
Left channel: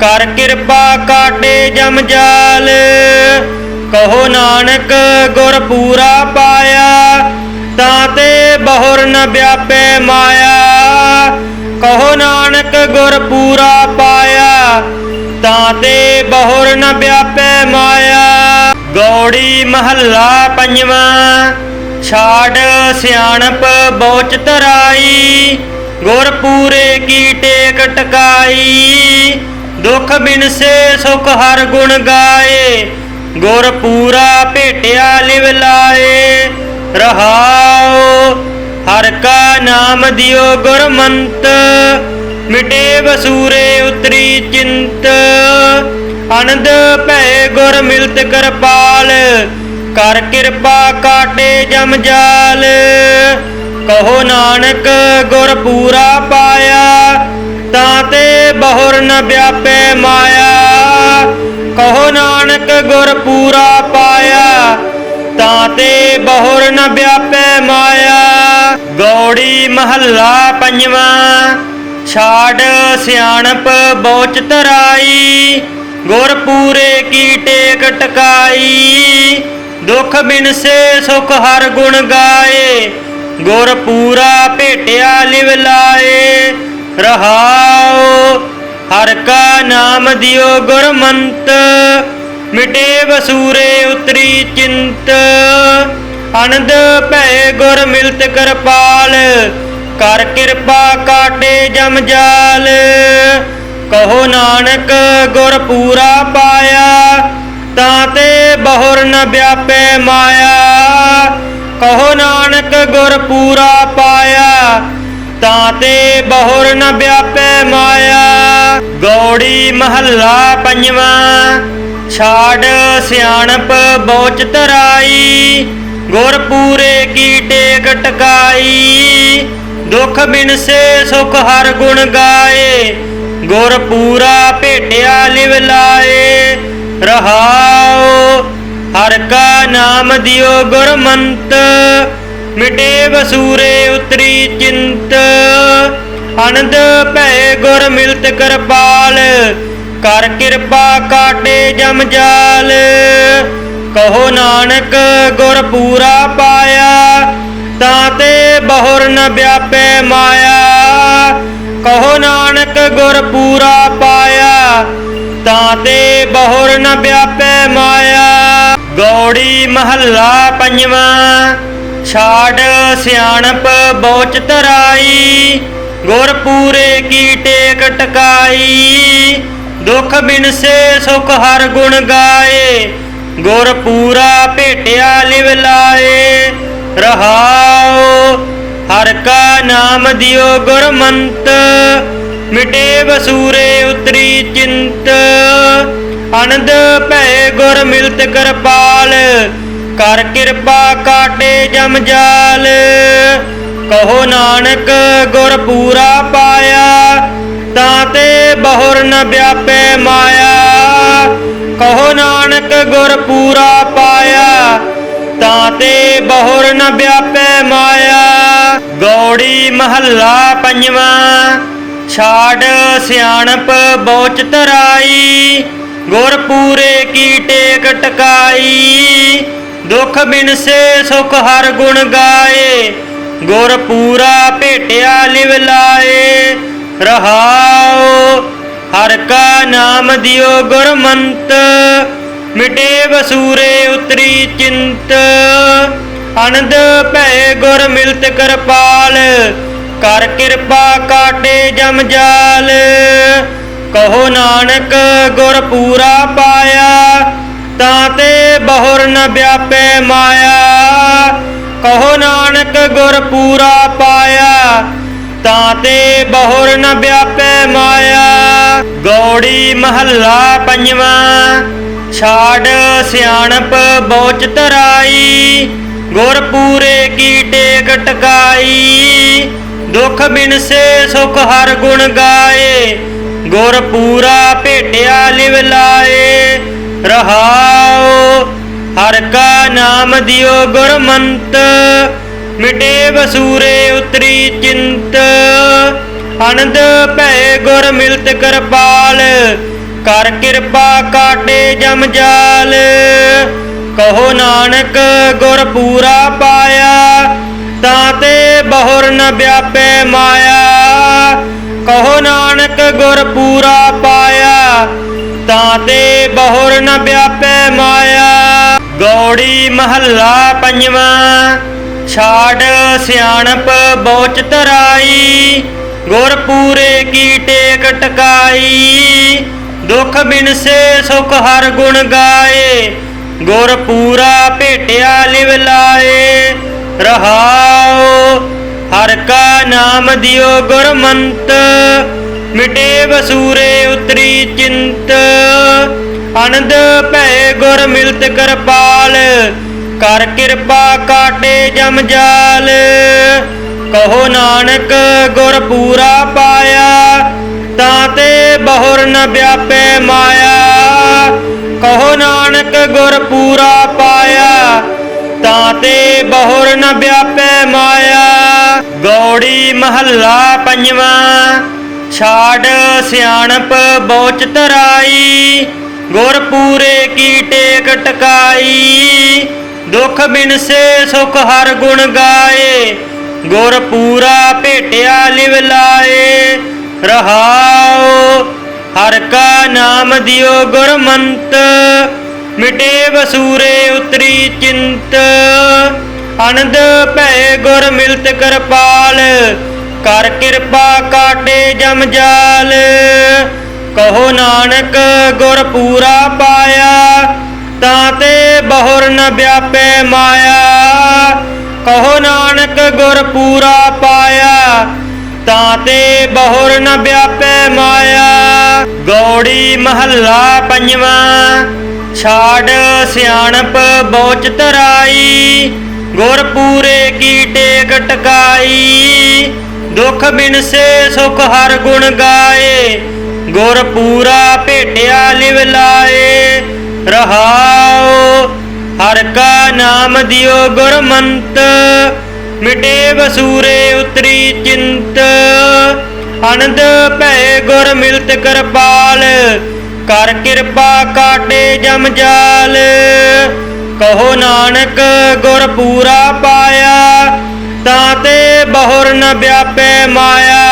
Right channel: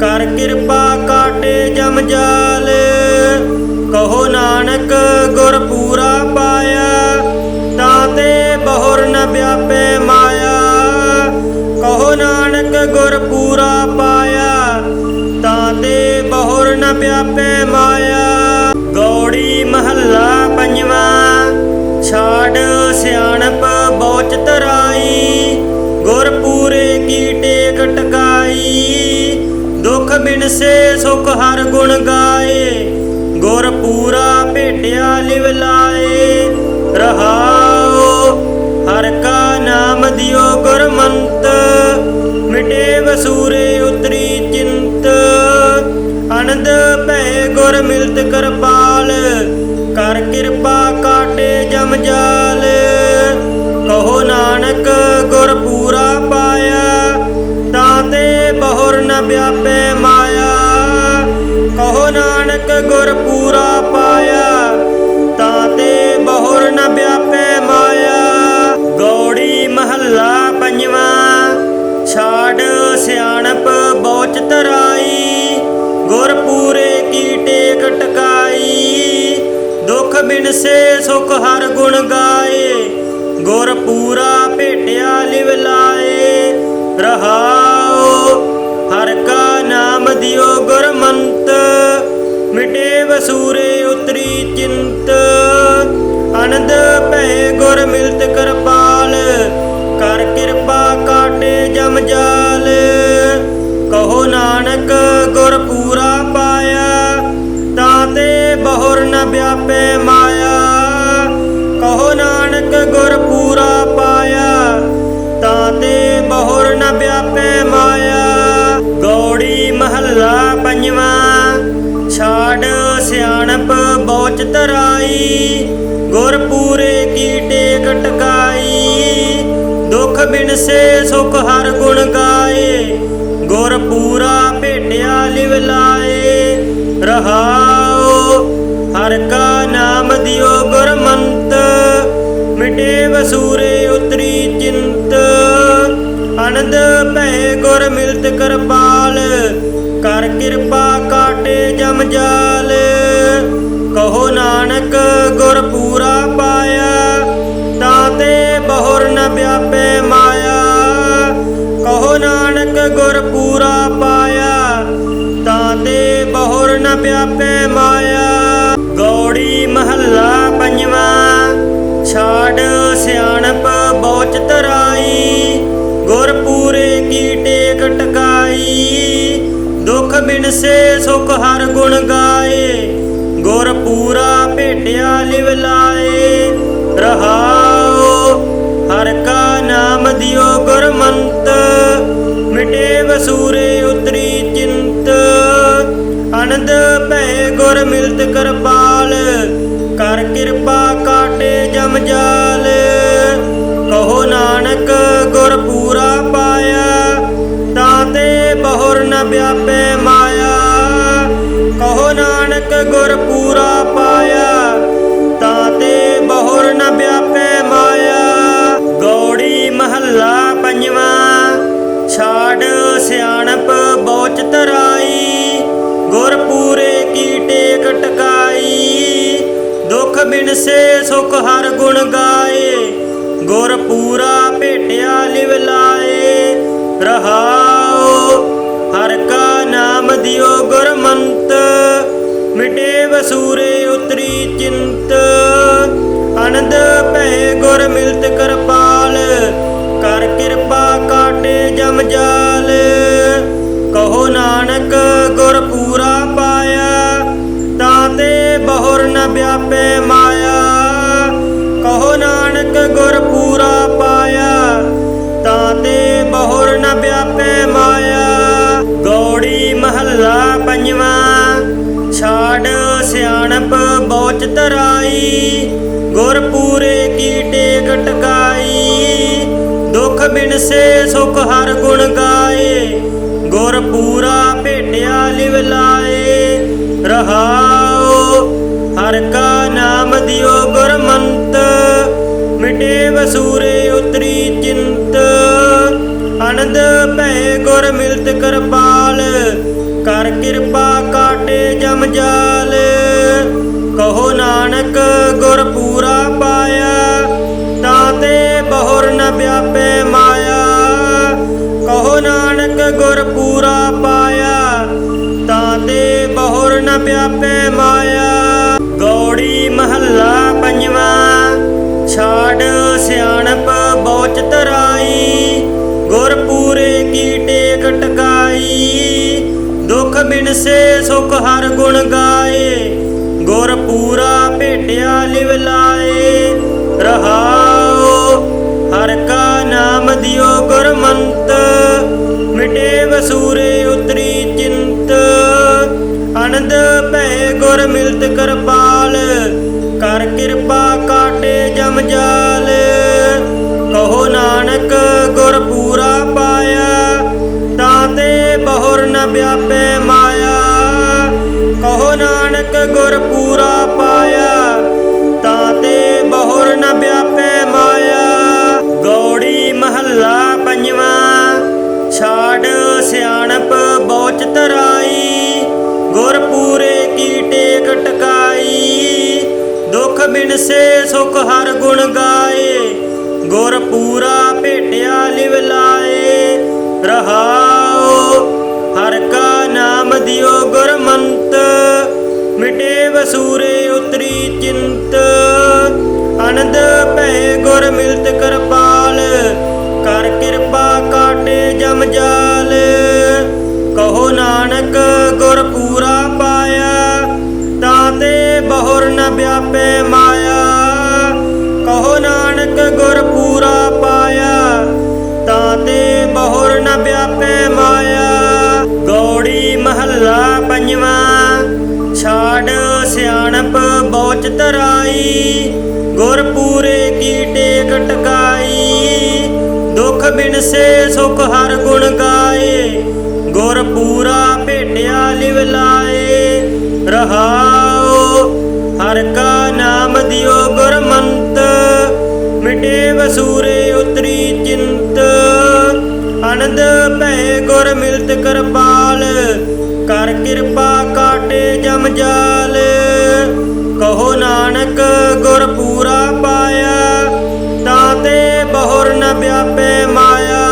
ਕਰ ਕਿਰਪਾ ਕਾਟੇ ਜਮ ਜਾਲ। ਕਹੋ ਨਾਨਕ ਗੁਰ ਪੂਰਾ ਪਾਇਆ ਵਿਆਪੈ ਮਾਇਆ, ਕਹੋ ਨਾਨਕ ਗੁਰ ਪੂਰਾ ਪਾਇਆ, ਤਾਂ ਤੇ ਬਹੁਰ ਨ ਵਿਆਪੈ ਮਾਇਆ। ਗੌੜੀ ਮਹੱਲਾ ਪੰਜਵਾਂ, ਛਾੜ ਸਿਆਣਪ ਬੋਚ ਧਰਾਈ, ਗੁਰ ਪੂਰੇ ਕੀ ਟੇਕ ਟਕਾਈ ਦੁਖ ਬਿਨਸੇ ਸੁਖ ਹਰ ਗੁਣ ਗਾਏ, ਗੁਰ ਪੂਰਾ ਭੇਟਿਆ ਲਿਵ ਲਾਏ। ਰਹਾਉ ਹਰ ਕਾ ਨਾਮ ਦਿਓ ਗੁਰਮੰਤ, ਮਿਟੇ ਵਸੂਰੇ ਉਤਰੀ ਚਿੰਤ। ਅਨੰਦ ਭੈ ਗੁਰ ਮਿਲਤ ਕਰਪਾਲ, ਕਰ ਕਿਰਪਾ ਕਾਟੇ ਜਮ ਜਾਲ। ਕਹੋ ਨਾਨਕ ਗੁਰ ਪੂਰਾ ਪਾਇਆ, ਤਾਂ ਤੇ ਬਹੁਰ ਨ ਵਿਆਪੈ ਮਾਇਆ। ਸਿਆਣਪ ਬੋਚ ਧਰਾਈ ਗੁਰ ਪੂਰੇ ਕੀ ਟੇਕ ਟਕਾਈ ਦੁਖ ਬਿਨਸੇ ਸੁਖ ਹਰ ਗੁਣ ਗਾਏ, ਗੁਰ ਪੂਰਾ ਭੇਟਿਆ ਲਿਵ ਲਾਏ। ਰਹਾਉ ਹਰ ਕਾ ਨਾਮ ਦਿਓ ਗੁਰਮੰਤ, ਮਿਟੇ ਵਸੂਰੇ ਉਤਰੀ ਚਿੰਤ। ਅਨੰਦ ਭੈ ਗੁਰ ਮਿਲਤ ਕਰਪਾਲ, ਕਰ ਕਿਰਪਾ ਕਾਟੇ ਜਮ ਜਾਲ। ਕਹੋ ਨਾਨਕ ਗੁਰ ਪੂਰਾ ਪਾਇਆ, ਤਾਂ ਤੇ ਬਹੁਰ ਨ ਵਿਆਪੈ ਮਾਇਆ। ਕਹੋ ਨਾਨਕ ਗੁਰ ਪੂਰਾ ਪਾਇਆ, ਤਾਂ ਤੇ ਬਹੁਰ ਨ ਵਿਆਪੈ ਮਾਇਆ। ਗੌੜੀ ਮਹੱਲਾ ਪੰਜਵਾਂ, ਛਾੜ ਸਿਆਣਪ ਬੋਚ ਧਰਾਈ, ਗੁਰ ਪੂਰੇ ਕੀ ਟੇਕ ਟਕਾਈ ਦੁਖ ਬਿਨਸੇ ਸੁਖ ਹਰ ਗੁਣ ਗਾਏ ਗੁਰ ਪੂਰਾ ਭੇਟਿਆ ਲਿਵ ਲਾਏ, ਰਹਾਉ, ਹਰ ਕਾ ਨਾਮ ਦਿਓ ਗੁਰਮੰਤ, ਮਿਟੇ ਵਸੂਰੇ ਉਤਰੀ ਚਿੰਤ, ਅਨੰਦ ਭੈ ਗੁਰ ਮਿਲਤ ਕਰਪਾਲ, ਕਰ ਕਿਰਪਾ ਕਾਟੇ ਜਮ ਜਾਲ, ਕਹੋ ਨਾਨਕ ਗੁਰ ਪੂਰਾ ਪਾਇਆ, ਤਾਂ ਤੇ ਬਹੁਰ ਨ ਵਿਆਪੈ ਮਾਇਆ। ਗੌੜੀ ਮਹੱਲਾ ਪੰਜਵਾਂ, ਛਾੜ ਸਿਆਣਪ ਬੋਚ ਧਰਾਈ ਗੁਰ ਪੂਰੇ ਕੀ ਟੇਕ ਟਕਾਈ, ਦੁਖ ਬਿਨਸੇ ਸੁਖ ਹਰ ਗੁਣ ਗਾਏ ਗੁਰ ਪੂਰਾ ਭੇਟਿਆ ਲਿਵ ਲਾਏ, ਰਹਾਉ ਹਰ ਕਾ ਨਾਮ ਦਿਓ ਗੁਰਮੰਤ, ਮਿਟੇ ਵਸੂਰੇ ਕਰ ਕਿਰਪਾ ਕਾਟੇ ਜਮ ਜਾਲ। ਕਹੋ ਨਾਨਕ, ਗੁਰ ਪੂਰਾ ਪਾਇਆ, ਤਾਂ ਤੇ ਬਹੁਰ ਨ ਵਿਆਪੈ ਮਾਇਆ। ਕਹੋ ਨਾਨਕ, ਗੁਰ ਪੂਰਾ ਪਾਇਆ, ਤਾਂ ਤੇ ਬਹੁਰ ਨ ਵਿਆਪੈ ਮਾਇਆ। ਗੌੜੀ ਮਹੱਲਾ ਪੰਜਵਾਂ, ਛਾੜ ਸਿਆਣਪ ਬੋਚ ਧਰਾਈ। ਸੇ ਸੁਖ ਹਰ ਗੁਣ ਗਾਏ, ਗੁਰ ਪੂਰਾ ਭੇਟਿਆ ਲਿਵ ਲਾਏ। ਰਹਾਉ ਹਰ ਕਾ ਨਾਮ ਦਿਓ ਗੁਰਮੰਤ ਮਿਟੇ ਵਸੂਰੇ ਉਤਰੀ ਚਿੰਤ। ਅਨੰਦ ਭੈ ਗੁਰ ਮਿਲਤ ਕਰਪਾਲ, ਕਰ ਕਿਰਪਾ ਕਾਟੇ ਜਮ ਜਾਲ। ਕਹੋ ਨਾਨਕ ਗੁਰ ਪੂਰਾ ਪਾਇਆ, ਤਾਂ ਤੇ ਬਹੁਰ ਨ ਵਿਆਪੈ ਮਾਇਆ। ਪੰਜਵਾਂ, ਛਾੜ ਸਿਆਣਪ ਬੋਚ ਧਰਾਈ ਗੁਰ ਪੂਰੇ ਕੀ ਟੇਕ ਟਕਾਈ, ਦੁਖ ਬਿਨਸੇ ਸੁਖ ਹਰ ਗੁਣ ਗਾਏ ਗੁਰ ਪੂਰਾ ਭੇਟਿਆ ਲਿਵ ਲਾਏ, ਰਹਾਉ ਹਰ ਕਾ ਨਾਮ ਦਿਓ ਗੁਰਮੰਤ, ਮਿਟੇ ਵਸੂਰੇ ਉਤਰੀ ਚਿੰਤ, ਅਨੰਦ ਭੈ ਗੁਰ ਮਿਲਤ ਕਰਪਾਲ ਕਰ ਕਿਰਪਾ ਕਾਟੇ ਜਮ ਜਾਲ। ਕਹੋ ਨਾਨਕ, ਗੁਰ ਪੂਰਾ ਪਾਇਆ, ਤਾਂ ਤੇ ਬਹੁਰ ਨ ਵਿਆਪੇ ਮਾਇਆ। ਕਹੋ ਨਾਨਕ, ਗੁਰ ਪੂਰਾ ਪਾਇਆ, ਤਾਂ ਤੇ ਬਹੁਰ ਨ ਵਿਆਪੇ ਮਾਇਆ। ਗੋੜੀ ਮਹੱਲਾ ਪੰਜਵਾਂ, ਛਾੜ ਸਿਆਣਪ ਬੋਚ ਤਰਾਈ। ਗੁਰ ਪੂਰਾ ਭੇਟਿਆ ਲਿਵ ਲਾਏ। ਰਹਾਉ ਹਰ ਕਾ ਨਾਮ ਦਿਓ ਗੁਰਮੰਤ, ਮਿਟੇ ਵਸੂਰੇ ਉਤਰੀ ਚਿੰਤ। ਅਨੰਦ ਭੈ ਗੁਰ ਮਿਲਤ ਕਰਪਾਲ, ਕਰ ਕਿਰਪਾ ਕਾਟੇ ਜਮ ਜਾਲ। ਕਹੋ ਨਾਨਕ ਗੁਰ ਪੂਰਾ ਪਾਇਆ, ਤਾਂ ਤੇ ਬਹੁਰ ਨ ਵਿਆਪੈ ਮਾਇਆ। ਗੁਰ ਪੂਰਾ ਪਾਇਆ, ਤਾਂ ਤੇ ਬਹੁਰ ਨ ਵਿਆਪੈ ਮਾਇਆ। ਗੌੜੀ ਮਹੱਲਾ ਪੰਜਵਾਂ, ਛਾੜ ਸਿਆਣਪ ਬੋਚ ਤਰਾਈ ਗੁਰ ਪੂਰੇ ਕੀ ਟੇਕ ਟਕਾਈ ਦੁਖ ਬਿਨਸੇ ਸੁਖ ਹਰ ਗੁਣ ਗਾਏ। ਗੁਰ ਪੂਰਾ ਭੇਟਿਆ ਲਿਵ ਲਾਏ। ਰਹਾਉ ਹਰ ਕਾ ਨਾਮ ਦਿਓ ਗੁਰਮੰਤ ਮਿਟੇ ਵਸੂਰੇ ਉਤਰੀ ਚਿੰਤ। ਅਨੰਦ ਭੈ ਗੁਰ ਮਿਲਤ ਕਰਪਾਲ, ਕਰ ਕਿਰਪਾ ਕਾਟੇ ਜਮ ਜਾਲ। ਕਹੋ ਨਾਨਕ ਗੁਰ ਪੂਰਾ ਪਾਇਆ, ਤਾਂ ਤੇ ਬਹੁਰ ਨ ਵਿਆਪੈ ਮਾਇਆ। ਕਹੋ ਨਾਨਕ ਗੁਰ ਪੂਰਾ ਪਾਇਆ, ਤਾਂ ਤੇ ਬਹੁਰ ਨ ਵਿਆਪੈ ਮਾਇਆ। ਗੌੜੀ ਮਹੱਲਾ ਪੰਜਵਾਂ। ਛਾੜ ਸਿਆਣਪ ਬੋਚ ਤਰਾਈ, ਗੁਰ ਪੂਰੇ ਕੀ ਟੇਕ ਟਕਾਈ। ਦੁਖ ਬਿਨਸੇ ਸੁਖ ਹਰ ਗੁਣ ਗਾਏ, ਗੁਰ ਪੂਰਾ ਭੇਟਿਆ ਲਿਵ ਲਾਏ। ਰਹਾਉ ਹਰ ਕਾ ਨਾਮ ਦਿਓ ਗੁਰਮੰਤ ਮਿਟੇ ਵਸੂਰੇ ਉਤਰੀ ਚਿੰਤ। ਅਨੰਦ ਭੈ ਗੁਰ ਮਿਲਤ ਕਰਪਾਲ ਕਰ ਕਿਰਪਾ ਕਾਟੇ ਜਮ ਜਾਲ। ਕਹੋ ਨਾਨਕ, ਗੁਰ ਪੂਰਾ ਪਾਇਆ, ਤਾਂ ਤੇ ਬਹੁਰ ਨ ਵਿਆਪੈ ਮਾਇਆ।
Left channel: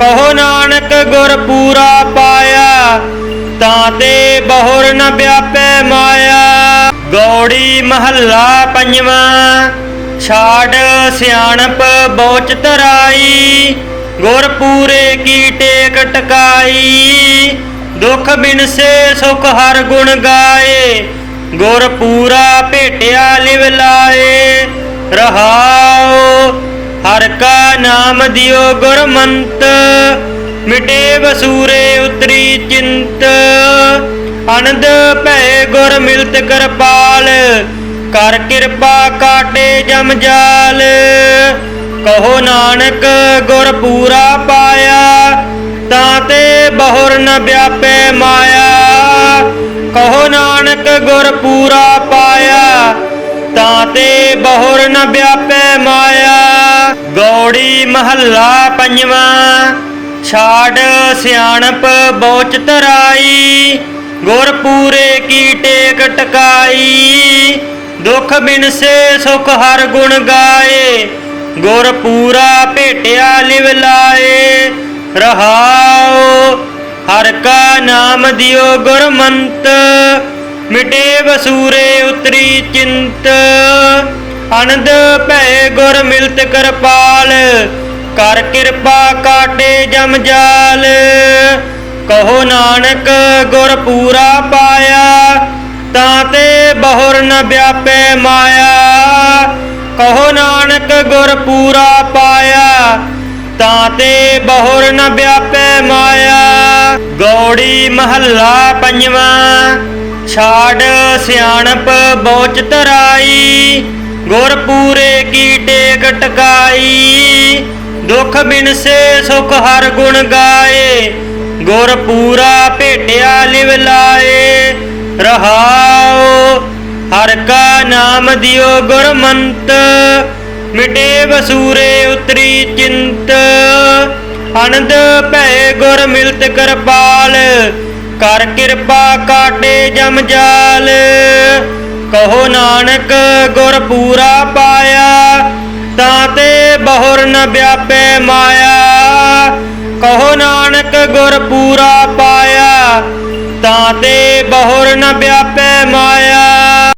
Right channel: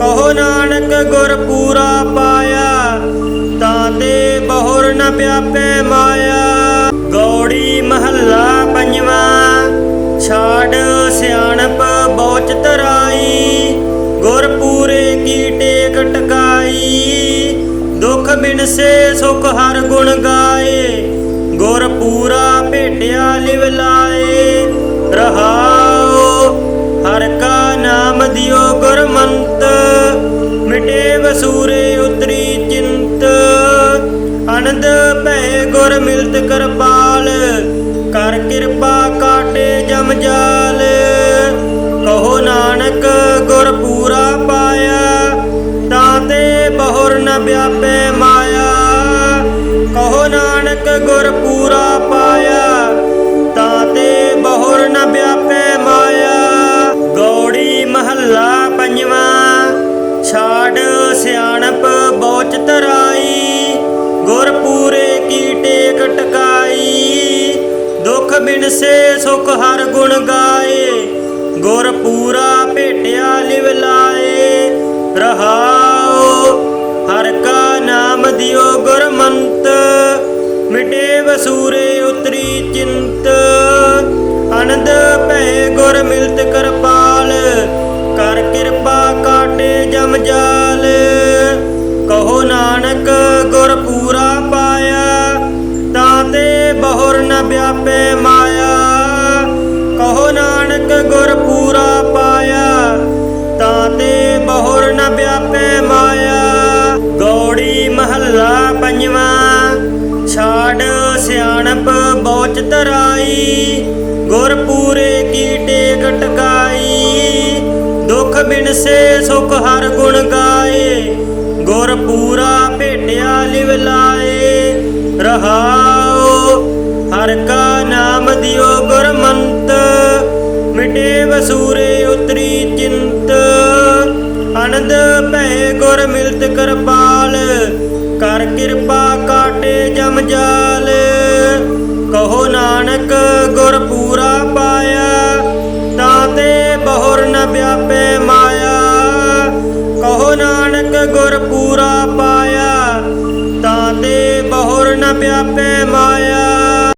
ਕਹੋ ਨਾਨਕ, ਗੁਰ ਪੂਰਾ ਪਾਇਆ, ਤਾਂ ਤੇ ਬਹੁਰ ਨ ਵਿਆਪੈ ਮਾਇਆ। ਗੌੜੀ ਮਹੱਲਾ ਪੰਜਵਾਂ, ਛਾੜ ਸਿਆਣਪ ਬੋਚ ਤਰਾਈ ਹਰ ਗੁਣ ਗਾਏ, ਗੁਰ ਪੂਰਾ ਭੇਟਿਆ ਲਿਵ ਲਾਏ। ਰਹਾਉ ਹਰ ਕਾ ਨਾਮ ਦਿਓ ਗੁਰਮੰਤ, ਮਿਟੇ ਵਸੂਰੇ ਉਤਰੀ ਚਿੰਤ। ਅਨੰਦ ਭੈ ਗੁਰ ਮਿਲਤ ਕਰਪਾਲ, ਕਰ ਕਿਰਪਾ ਕਾਟੇ ਜਮ ਜਾਲ। ਕਹੋ ਨਾਨਕ ਗੁਰ ਪੂਰਾ ਪਾਇਆ, ਤਾਂ ਤੇ ਬਹੁਰ ਨ ਵਿਆਪੈ ਮਾਇਆ। ਗੁਰ ਪੂਰਾ ਪਾਇਆ, ਤਾਂ ਤੇ ਬਹੁਰ ਨ ਵਿਆਪੈ ਮਾਇਆ। ਗੌੜੀ ਮਹੱਲਾ ਪੰਜਵਾਂ, ਛਾੜ ਸਿਆਣਪ ਬੋਚ ਤਰਾਈ ਗੁਰ ਪੂਰੇ ਕੀ ਟੇਕ ਟਕਾਈ ਦੁਖ ਬਿਨਸੇ ਸੁਖ ਹਰ ਗੁਣ ਗਾਏ। ਗੁਰ ਪੂਰਾ ਭੇਟਿਆ ਲਿਵ ਲਾਏ। ਰਹਾਉ ਹਰ ਕਾ ਨਾਮ ਦਿਓ ਗੁਰਮੰਤ। ਮਿਟੇ ਵਸੂਰੇ ਉਤਰੀ ਚਿੰਤ। ਅਨੰਦ ਭੈ ਗੁਰ ਮਿਲਤ ਕਰਪਾਲ, ਕਰ ਕਿਰਪਾ ਕਾਟੇ ਜਮ ਜਾਲ। ਕਹੋ ਨਾਨਕ ਗੁਰ ਪੂਰਾ ਪਾਇਆ, ਤਾਂ ਤੇ ਬਹੁਰ ਨ ਵਿਆਪੈ ਮਾਇਆ। ਤਰਾਈ ਗੁਰ ਪੂਰੇ ਕੀ ਟੇਕ ਟਕਾਈ ਦੁਖ ਬਿਨਸੇ ਸੁਖ ਹਰ ਗੁਣ ਗਾਏ, ਗੁਰ ਪੂਰਾ ਭੇਟਿਆ ਲਿਵ ਲਾਏ। ਰਹਾਉ, ਹਰ ਕਾ ਨਾਮ ਦਿਓ ਗੁਰਮੰਤ ਮਿਟੇ ਵਸੂਰੇ ਉਤਰੀ ਚਿੰਤ। ਅਨੰਦ ਭੈ ਗੁਰ ਮਿਲਤ ਕਰਪਾਲ, ਕਰ ਕਿਰਪਾ ਕਾਟੇ ਜਮ ਜਾਲ। ਨਾਨਕ ਗੁਰ ਪੂਰਾ ਪਾਇਆ ਤਾਂ ਤੇ ਬਹੁਰ ਨ ਵਿਆਪੈ ਮਾਇਆ।